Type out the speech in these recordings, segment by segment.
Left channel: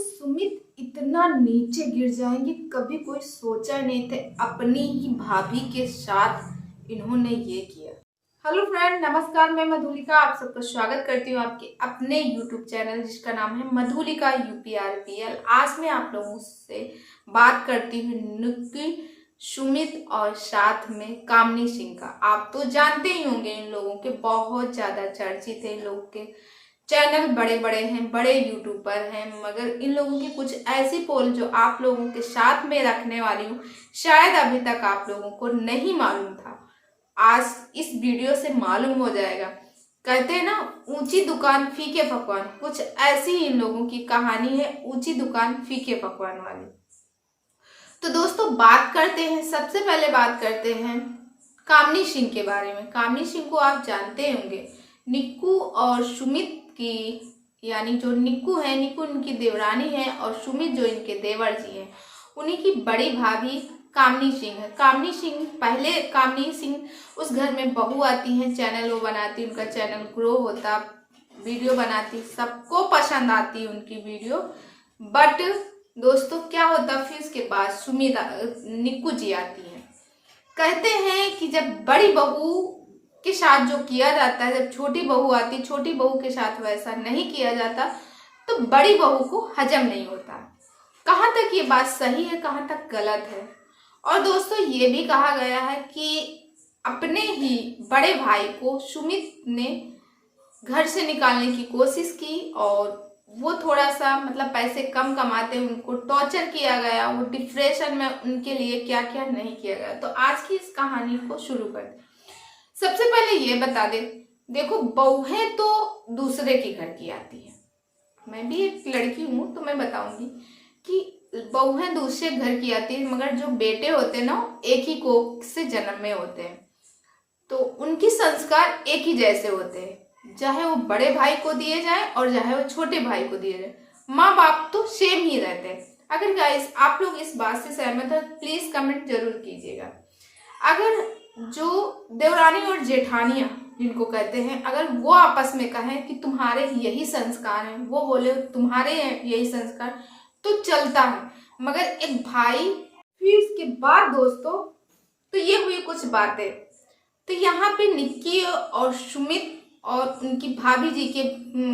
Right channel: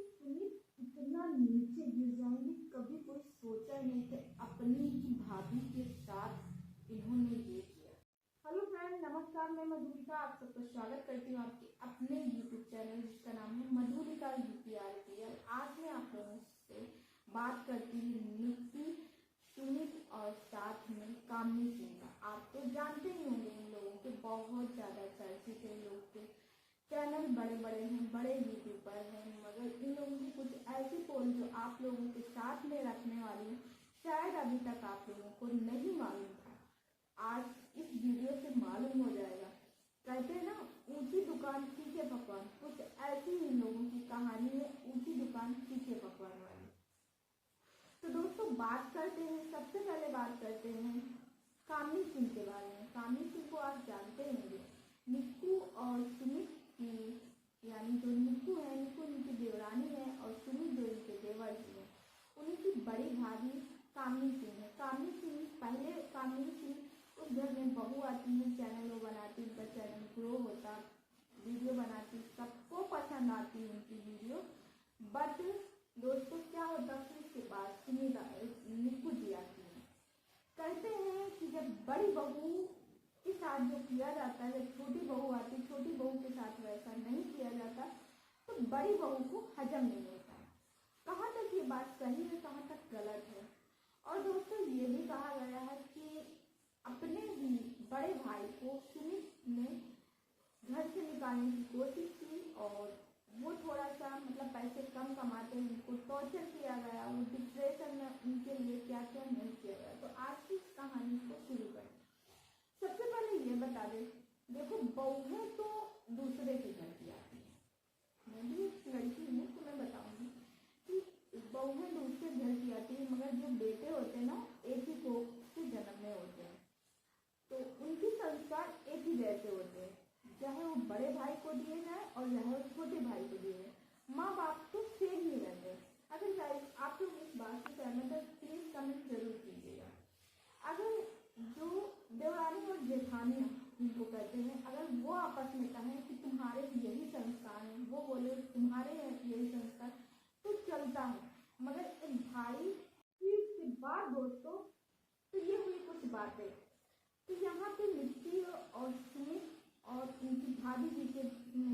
सुमित इतना नीचे गिर जाएंगे कभी कोई सोचा नहीं थे। अपनी ही भाभी के साथ इन्होंने ये किया। हेलो फ्रेंड, नमस्कार। मैं मधुलिका आप सबका स्वागत करती हूँ आपके अपने यूट्यूब चैनल जिसका नाम है मधुलिका यूपीआरपीएल। आज मैं आप लोगों से बात करती हूँ निक्की, सुमित और साथ में कामनी सिंह का। आप तो जानते ही होंगे, इन लोगों के बहुत ज्यादा चर्चित है। इन लोगों के चैनल बड़े बड़े हैं, बड़े यूट्यूबर हैं, मगर इन लोगों की कुछ ऐसी पोल जो आप लोगों के साथ में रखने वाली हूँ, शायद अभी तक आप लोगों को नहीं मालूम था। आज इस वीडियो से मालूम हो जाएगा। कहते हैं ना, ऊंची दुकान फीके पकवान, कुछ ऐसी इन लोगों की कहानी है, ऊंची दुकान फीके पकवान वाली। तो दोस्तों बात करते हैं, सबसे पहले बात करते हैं कामनी सिंह के बारे में। कामनी सिंह को आप जानते होंगे, निक्कू और सुमित की, यानी जो निक्कू है, निक्कू इनकी देवरानी है और सुमित जो इनके देवर जी हैं, उन्हीं की बड़ी भाभी कामनी सिंह है। कामनी सिंह, पहले कामनी सिंह उस घर में बहू आती हैं, चैनल वो बनाती, उनका चैनल ग्रो होता, वीडियो बनाती, सबको पसंद आती उनकी वीडियो। बट दोस्तों क्या होता, फिर इसके बाद सुमित निक्कू जी आती है। कहते हैं कि जब बड़ी बहू के साथ जो किया जाता है, जब छोटी बहू आती, छोटी बहू के साथ वैसा नहीं किया जाता तो बड़ी बहू को हजम नहीं होता। कहाँ तक ये बात सही है, कहाँ तक गलत है। और दोस्तों ये भी कहा गया है कि अपने ही बड़े भाई को सुमित ने घर से निकालने की कोशिश की और वो थोड़ा सा मतलब पैसे कम कमाते, उनको टॉर्चर किया गया, वो डिप्रेशन में, उनके लिए क्या क्या नहीं किया गया। तो आज की इस कहानी को शुरू करते। सबसे पहले ये बता दे, देखो बहुएं तो दूसरे के घर की आती है। मैं भी एक लड़की हूँ तो मैं बताऊंगी कि बहुएं दूसरे घर की आती है, मगर जो बेटे होते हैं ना, एक ही कोख से जन्म में होते हैं, तो उनकी संस्कार एक ही जैसे होते हैं, चाहे वो बड़े भाई को दिए जाए और चाहे वो छोटे भाई को दिए जाए। माँ बाप तो सेम ही रहते हैं। अगर गाइस आप लोग इस बात से सहमत है प्लीज कमेंट जरूर कीजिएगा। अगर जो देवरानी और जेठानियां जिनको कहते हैं, अगर वो आपस में कहें कि तुम्हारे यही संस्कार हैं, वो बोले तुम्हारे यही संस्कार, तो चलता है। मगर एक भाई, फिर इसके बाद दोस्तों तो ये हुई कुछ बातें। तो यहाँ पे निक्की और सुमित और उनकी भाभी जी के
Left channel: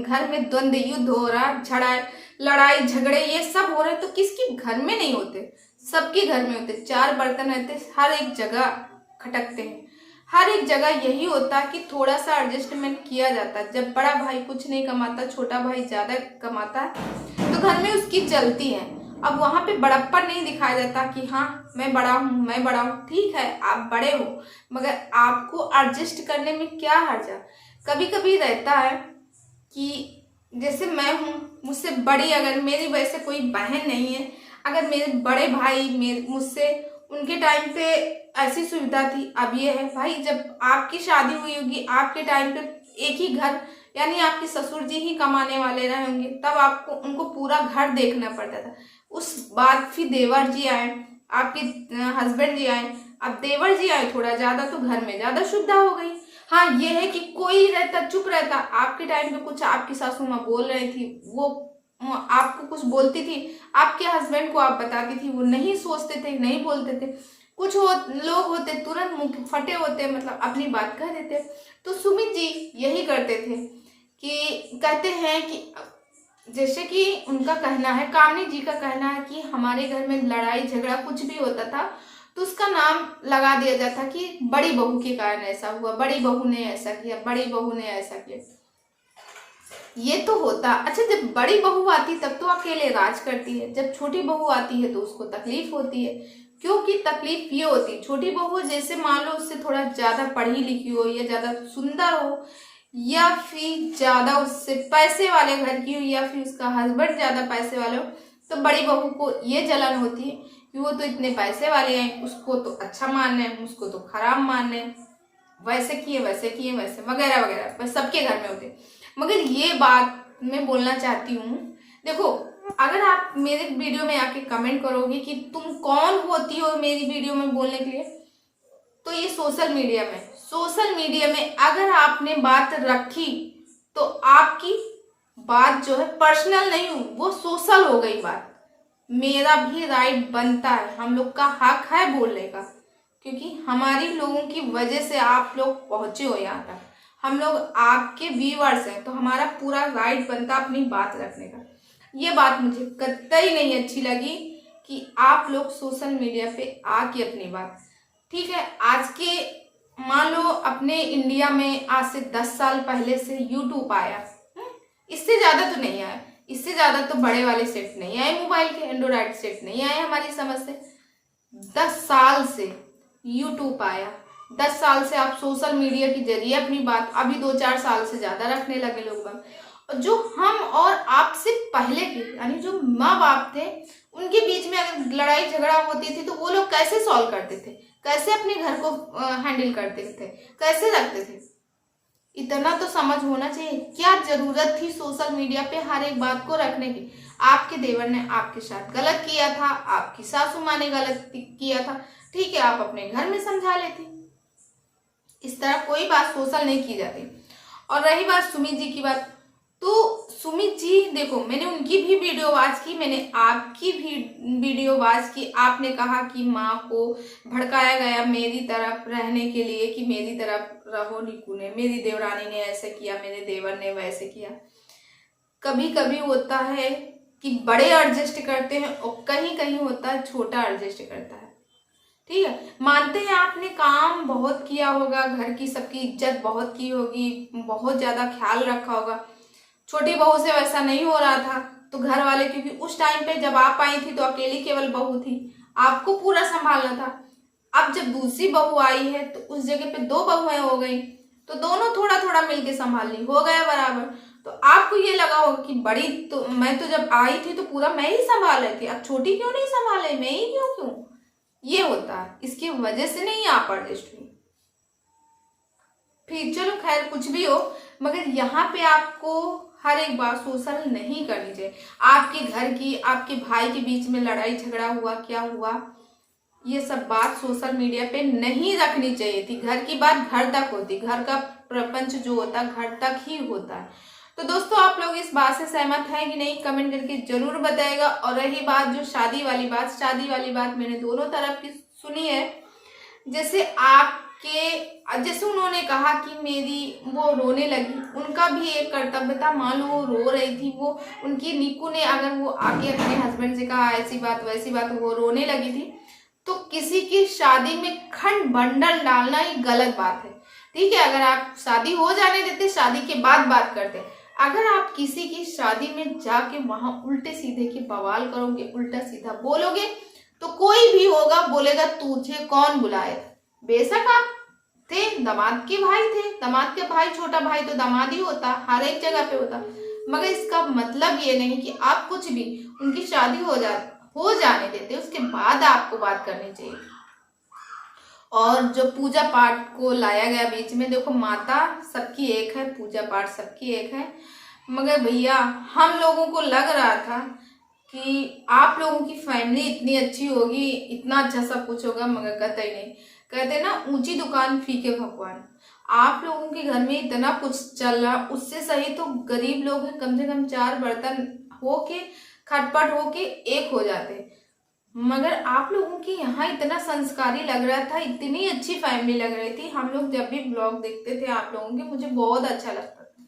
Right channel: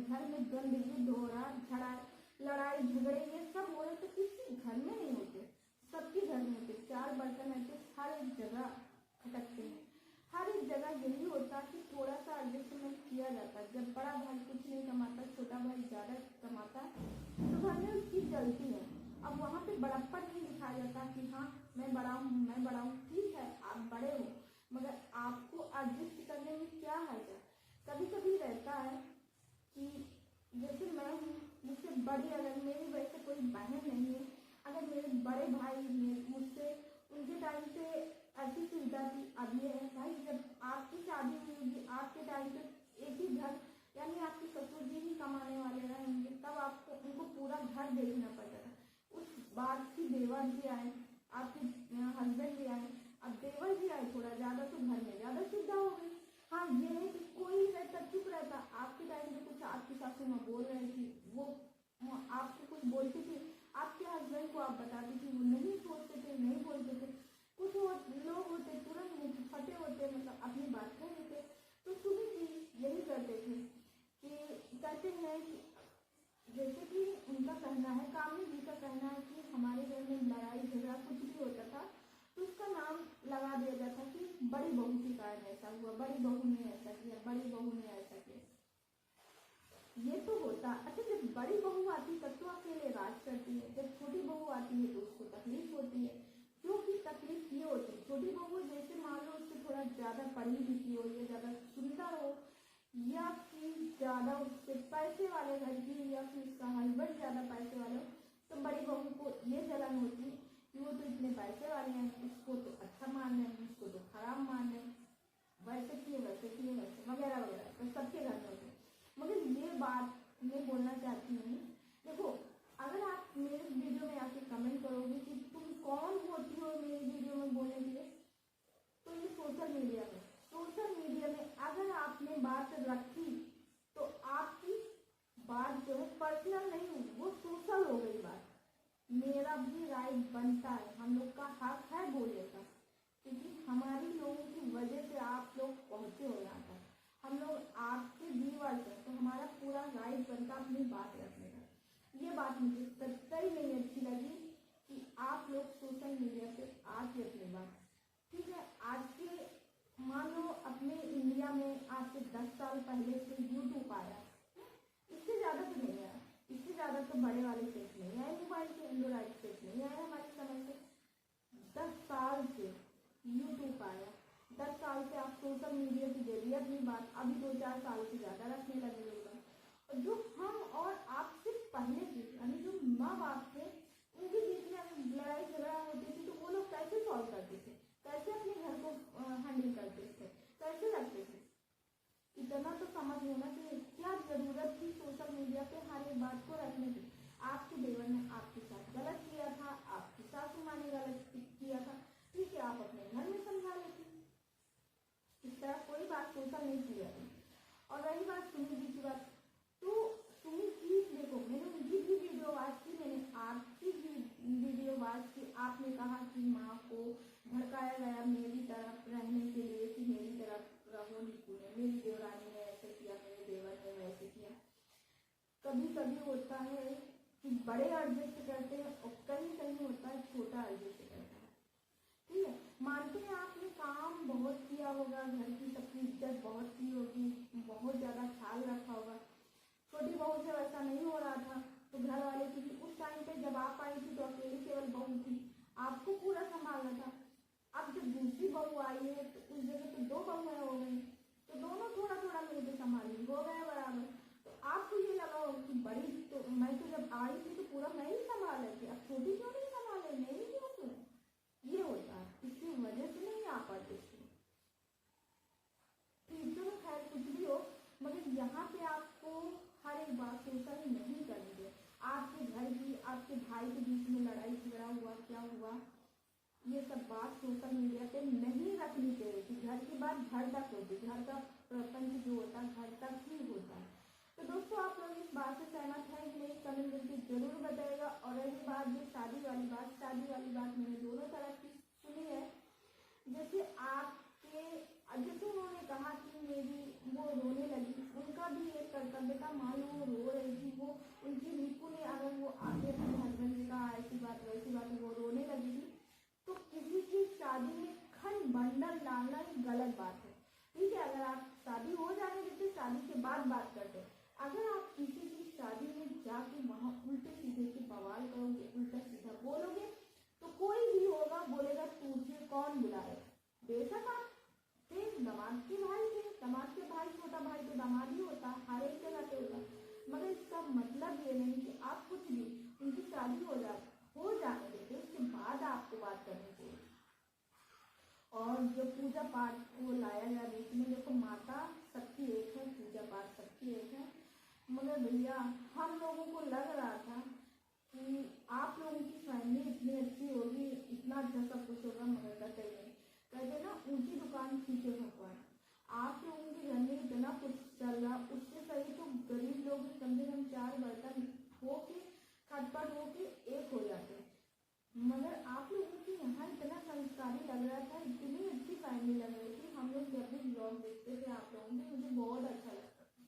घर में द्वंद्व युद्ध हो रहा, लड़ाई झगड़े ये सब हो रहे। तो किसके घर में नहीं होते, सबके घर में होते। चार बर्तन रहते, हर एक जगह खटकते हैं, हर एक जगह यही होता कि थोड़ा सा एडजस्टमेंट किया जाता। जब बड़ा भाई कुछ नहीं कमाता, छोटा भाई ज्यादा कमाता है, तो घर में उसकी चलती है। अब वहां पे बड़प्पन नहीं दिखाया जाता कि हाँ मैं बड़ा हूँ, मैं बड़ा हूँ। ठीक है आप बड़े हो, मगर आपको एडजस्ट करने में क्या हर्जा। कभी कभी रहता है कि जैसे मैं हूँ, मुझसे बड़ी, अगर मेरी वैसे कोई बहन नहीं है, अगर मेरे बड़े भाई मुझसे, उनके टाइम पे ऐसी सुविधा थी, अब ये है भाई, जब आपकी शादी हुई होगी, आपके टाइम पे एक ही घर, यानी आपके ससुर जी ही कमाने वाले रहे होंगे, तब आपको उनको पूरा घर देखना पड़ता था। उस बाद फिर देवर जी आए, आपके हस्बैंड जी आए, अब देवर जी आए थोड़ा ज्यादा, तो घर में ज्यादा सुविधा हो गई। हाँ ये है कि कोई रहता चुप रहता। आपके टाइम पे कुछ आपकी सासू माँ बोल रही थी, वो आपको कुछ बोलती थी, आपके हस्बैंड को आप बताती थी, वो नहीं सोचते थे, नहीं बोलते थे। कुछ लोग होते तुरंत मुंह फटे होते, मतलब अपनी बात कह देते। तो सुमित जी यही करते थे कि कहते हैं कि जैसे कि उनका कहना है, कामनी जी का कहना है कि हमारे घर में लड़ाई झगड़ा कुछ भी होता था तो उसका नाम लगा दिया जाता कि बड़ी बहू के कारण ऐसा हुआ, बड़ी बहू ने ऐसा किया, बड़ी बहू ने ऐसा किया। ये तो होता। अच्छा जब बड़ी बहू आती तब तो अकेले राज करती है, जब छोटी बहू आती है तो उसको तकलीफ होती है। क्योंकि तकलीफ ये होती, छोटी बहू जैसे मान लो उससे थोड़ा ज्यादा पढ़ी लिखी हो, या ज्यादा सुंदर हो, या फिर ज्यादा उससे पैसे वाले घर की हो, या फिर उसका हस्बैंड ज्यादा पैसे वाले हो, तो बड़ी बहू को ये जलन होती है कि वो तो इतने पैसे वाले हैं, उसको तो अच्छा मान रहे हैं, उसको तो खराब मान रहे हैं, वैसे किए वैसे वगैरह वगैरह, बस सबके घर में होते। मगर ये बात मैं बोलना चाहती हूँ, देखो अगर आप मेरे वीडियो में आके कमेंट करोगे कि तुम कौन होती हो मेरी वीडियो में बोलने के लिए, तो ये सोशल मीडिया में अगर आपने बात रखी तो आपकी बात जो है पर्सनल नहीं हो, वो सोशल सिंपल हो गई बात। मेरा भी राइट बनता है, हम लोग का हक है बोलने का, क्योंकि हमारी लोगों की वजह से आप लोग पहुंचे हो यहाँ तक। हम लोग आपके व्यूअर्स हैं, तो हमारा पूरा राइट बनता अपनी बात रखने का। ये बात मुझे कतई नहीं अच्छी लगी कि आप लोग सोशल मीडिया पे आके अपनी बात, ठीक है, आज के मान लो अपने इंडिया में आज से 10 साल पहले से यूट्यूब आया, इससे ज़्यादा तो नहीं आया, इससे ज़्यादा तो बड़े वाले सेट नहीं आए, मोबाइल के एंड्रॉयड सेट नहीं आए हमारी समझ से। 10 साल से यूट्यूब आया, 10 साल से आप सोशल मीडिया के जरिए अपनी बात, अभी 2-4 साल से ज़्यादा रखने लगे लोग बाग। और जो हम और आपसे पहले के यानी जो माँ बाप थे, उनके बीच में अगर लड़ाई झगड़ा होती थी तो वो लोग कैसे सॉल्व करते थे, कैसे अपने घर को हैंडल करते थे, कैसे रखते थे। इतना तो समझ होना चाहिए। क्या जरूरत थी सोशल मीडिया पे हर एक बात को रखने की। आपके देवर ने आपके साथ गलत किया था, आपकी सासू माँ ने गलत किया था, ठीक है, आप अपने घर में समझा लेती। इस तरह कोई बात सोशल नहीं की जाती। और रही बात सुमित जी की बात, तो सुमित जी देखो, मैंने उनकी भी वीडियो वॉच की, मैंने आपकी भी वीडियो वॉच की। आपने कहा कि माँ को भड़काया गया मेरी तरफ रहने के लिए कि मेरी तरफ रहो निकू ने, मेरी देवरानी ने ऐसे किया, मेरे देवर ने वैसे किया। कभी कभी होता है कि बड़े एडजस्ट करते हैं और कहीं कहीं होता है छोटा एडजस्ट करता है, ठीक है। मानते हैं आपने काम बहुत किया होगा, घर की सबकी इज्जत बहुत की होगी, बहुत ज्यादा ख्याल रखा होगा। छोटी बहू से वैसा नहीं हो रहा था, तो घर वाले, क्योंकि उस टाइम पे जब आप आई थी तो अकेली केवल बहू थी, आपको पूरा संभालना था। अब जब दूसरी बहू आई है तो उस जगह पे 2 बहुएं हो गई, तो दोनों थोड़ा थोड़ा मिलके संभालनी हो गया बराबर। तो आपको ये लगा होगा कि बड़ी तो मैं तो जब आई थी तो पूरा मैं ही संभाल रही थी, अब छोटी क्यों नहीं संभाले, मैं ही क्यों ये होता है। इसकी वजह से नहीं आप एडजस्ट हुई। फिर चलो खैर कुछ भी हो, मगर यहाँ पे आपको हर एक बात सोशल नहीं करनी चाहिए। आपके घर की, आपके भाई के बीच में लड़ाई झगड़ा हुआ, क्या हुआ, ये सब बात सोशल मीडिया पे नहीं रखनी चाहिए थी। घर की बात घर तक होती, घर का प्रपंच जो होता घर तक ही होता है। तो दोस्तों आप लोग इस बात से सहमत हैं कि नहीं, कमेंट करके जरूर बताएगा। और रही बात जो शादी वाली बात मैंने दोनों तरफ की सुनी है। जैसे उन्होंने कहा कि मेरी वो रोने लगी, उनका भी एक कर्तव्य था। मान लो वो रो रही थी, वो उनकी निकू ने अगर वो आके अपने हस्बैंड से कहा ऐसी बात वैसी बात, वो रोने लगी थी, तो किसी की शादी में खंड बंडल डालना ही गलत बात है, ठीक है। अगर आप शादी हो जाने देते, शादी के बाद बात करते, अगर आप किसी की शादी में जाके वहां उल्टे सीधे की बवाल करोगे, उल्टा सीधा बोलोगे, तो कोई भी होगा बोलेगा तुझे कौन बुलाए। बेशक आप थे, दामाद के भाई थे, दामाद के भाई, छोटा भाई तो दामाद ही होता, हर एक जगह पे होता, मगर इसका मतलब ये नहीं कि आप कुछ भी उनकी शादी हो जाने देते, उसके बाद आपको बात करनी चाहिए। और जो पूजा पाठ को लाया गया बीच में, देखो माता सबकी एक है, पूजा पाठ सबकी एक है, मगर भैया हम लोगों को लग रहा था कि आप लोगों की फैमिली इतनी अच्छी होगी, इतना अच्छा सब कुछ होगा, मगर कतई नहीं। कहते ना ऊंची दुकान फीके भगवान। आप लोगों के घर में इतना कुछ चल रहा, उससे सही तो गरीब लोग हैं, कम से कम 4 बर्तन होके खटपट होके एक हो जाते। मगर आप लोगों के यहाँ इतना संस्कारी लग रहा था, इतनी अच्छी फैमिली लग रही थी। हम लोग जब भी ब्लॉग देखते थे आप लोगों के, मुझे बहुत अच्छा लगता था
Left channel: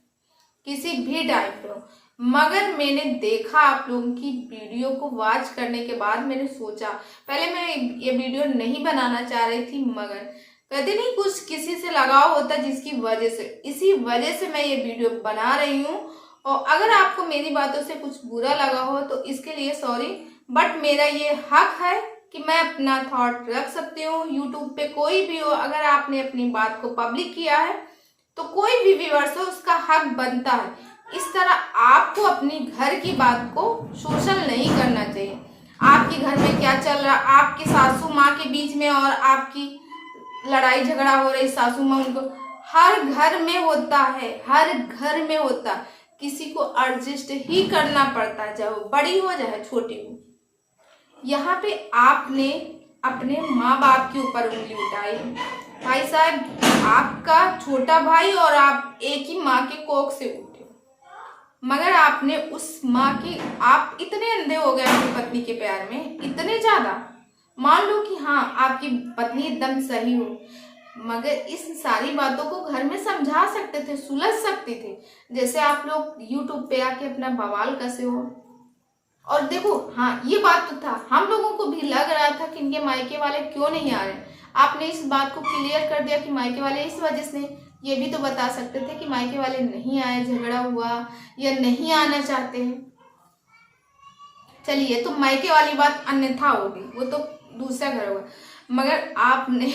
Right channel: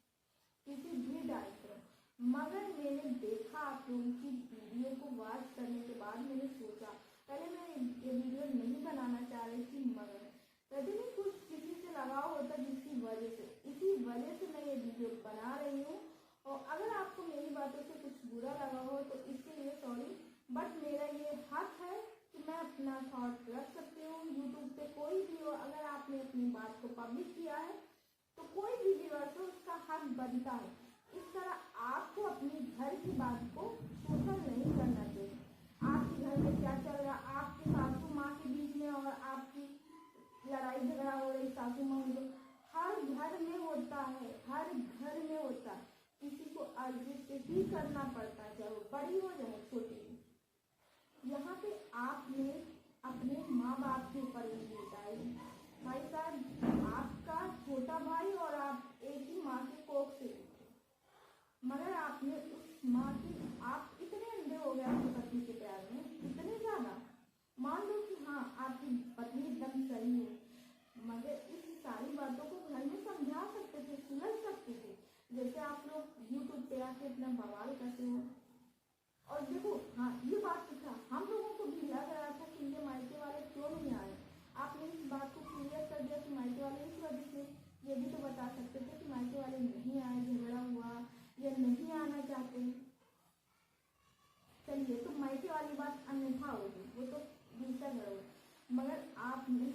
किसी भी टाइप पे। मगर मैंने देखा आप लोगों की वीडियो को वॉच करने के बाद, मैंने सोचा, पहले मैं ये वीडियो नहीं बनाना चाह रही थी, मगर कहते नहीं कुछ किसी से लगाव होता जिसकी वजह से, इसी वजह से मैं ये वीडियो बना रही हूँ। और अगर आपको मेरी बातों से कुछ बुरा लगा हो तो इसके लिए सॉरी, बट मेरा ये हक है कि मैं अपना थॉट रख सकती हूँ। यूट्यूब पे कोई भी हो, अगर आपने अपनी बात को पब्लिक किया है तो कोई भी व्यूअर्स हो, उसका हक बनता है। इस तरह आपको अपनी घर की बात को सोशल नहीं करना चाहिए। आपके घर में क्या चल रहा, आपकी सासू माँ के बीच में और आपकी लड़ाई झगड़ा हो रही, सासू माँ उनको, हर घर में होता है, हर घर में होता, किसी को एडजस्ट ही करना पड़ता है, चाहे वो बड़ी हो चाहे छोटी हो। यहाँ पे आपने अपने माँ बाप के ऊपर उंगली उठाई। भाई साहब, आपका छोटा भाई और आप एक ही माँ के कोख से उठे, मगर आपने उस माँ की, आप इतने अंधे हो गए अपनी पत्नी के प्यार में, इतने ज्यादा। मान लो कि हाँ आपकी पत्नी एकदम सही हो, मगर इस सारी बातों को घर में समझा सकते थे, सुलझ सकते थे। जैसे आप लोग यूट्यूब पे आके अपना बवाल कसे हो। और देखो हाँ ये बात तो था, हम लोगों को भी लग रहा था कि इनके मायके वाले क्यों नहीं आ रहे। आपने इस बात को क्लियर कर दिया कि मायके वाले इस वजह से नहीं। ये भी तो बता सकते थे कि मायके वाले नहीं आए, झगड़ा हुआ या नहीं आना चाहते हैं। चलिए तो मायके वाली बात अन्यथा होगी, वो तो दूसरा घर होगा। मगर आपने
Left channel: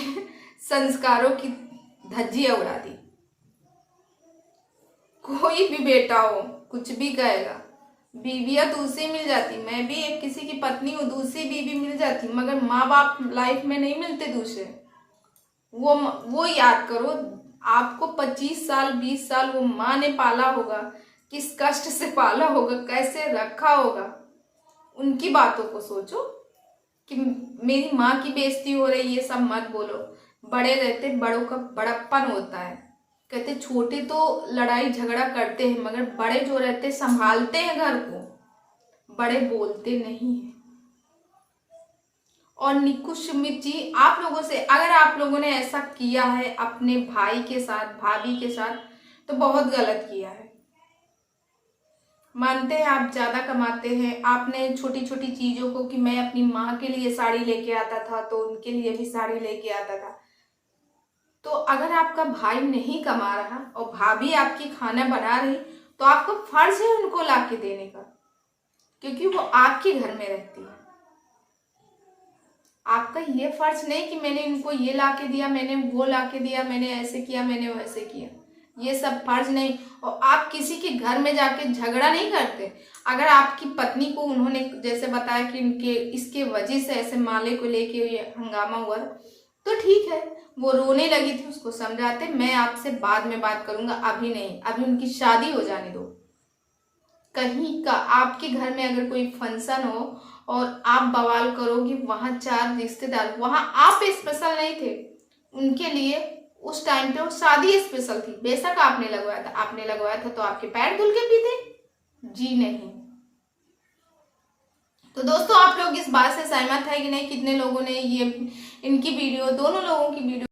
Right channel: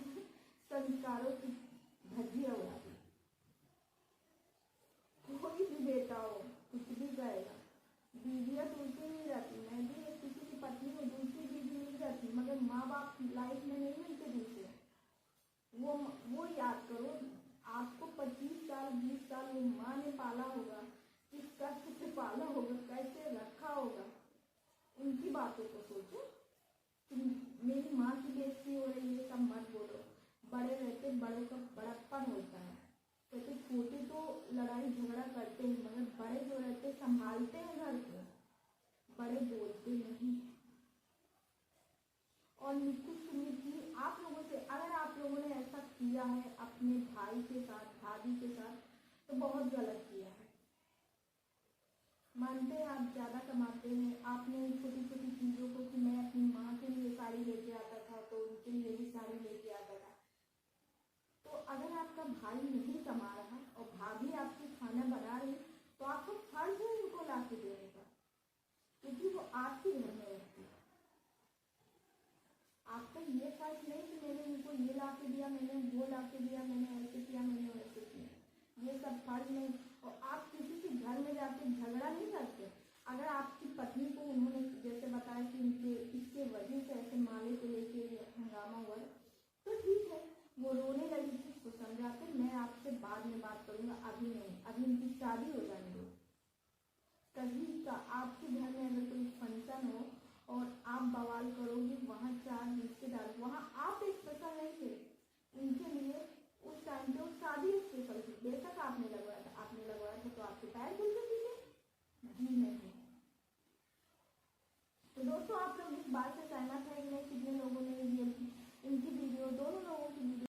संस्कारों की धज्जियां उड़ा दी। कोई भी बेटा हो कुछ भी कहेगा, बीवियां दूसरी मिल जाती, मैं भी एक किसी की पत्नी हूँ, दूसरी बीवी मिल जाती, मगर माँ बाप लाइफ में नहीं मिलते दूसरे। वो याद करो, आपको 25 साल 20 साल वो माँ ने पाला होगा, किस कष्ट से पाला होगा, कैसे रखा होगा। उनकी बातों को सोचो कि मेरी माँ की बेइज्जती हो रही है, सब मत बोलो। बड़े रहते बड़ों का बड़प्पन होता है। कहते छोटे तो लड़ाई झगड़ा करते हैं, मगर बड़े जो रहते संभालते हैं घर को, बड़े बोलते नहीं है। और निकु सुमित जी, आप लोगों से, अगर आप लोगों ने ऐसा किया है अपने भाई के साथ, भाभी के साथ, तो बहुत गलत किया है। मानते हैं आप ज्यादा कमाते हैं, आपने छोटी छोटी चीजों को, कि मैं अपनी माँ के लिए साड़ी लेके आता था तो उनके लिए भी साड़ी लेके आता था। तो अगर आपका भाई नहीं कमा रहा और भाभी आपकी खाना बना रही, तो आपका फर्ज है उनको लाके देने का, क्योंकि वो आपके घर में रहती है। आपका ये फर्ज नहीं कि मैंने इनको ये ला के दिया, मैंने वो ला के दिया, मैंने ऐसे किया, मैंने वैसे किया। ये सब फर्ज नहीं। और आप किसी के घर में जाके झगड़ा नहीं करते। अगर आपकी पत्नी को उन्होंने जैसे बताया कि इनके इसके वजह से ऐसे माले को लेके ये हंगामा हुआ, तो ठीक है, वो रोने लगी थी, उसको समझाते, मैं आपसे बाद में बात करूंगा, अभी नहीं, अभी उनकी शादी हो जाने दो। कहीं का आपके घर में अगर कोई फंक्शन हो और आप बवाल करोगे, वहां 4 रिश्तेदार, वहां आप स्पेशल नहीं थे उनके लिए। उस टाइम पे वो शादी स्पेशल थी, बेशक आपने लगवाया था, आपने लगवाया था तो आपके पैर धुल के पीते जी नहीं। तो दोस्तों आप लोग इस बात से सहमत है कि नहीं? कितने लोगों ने ये इनकी वीडियो, दोनों लोगों की वीडियो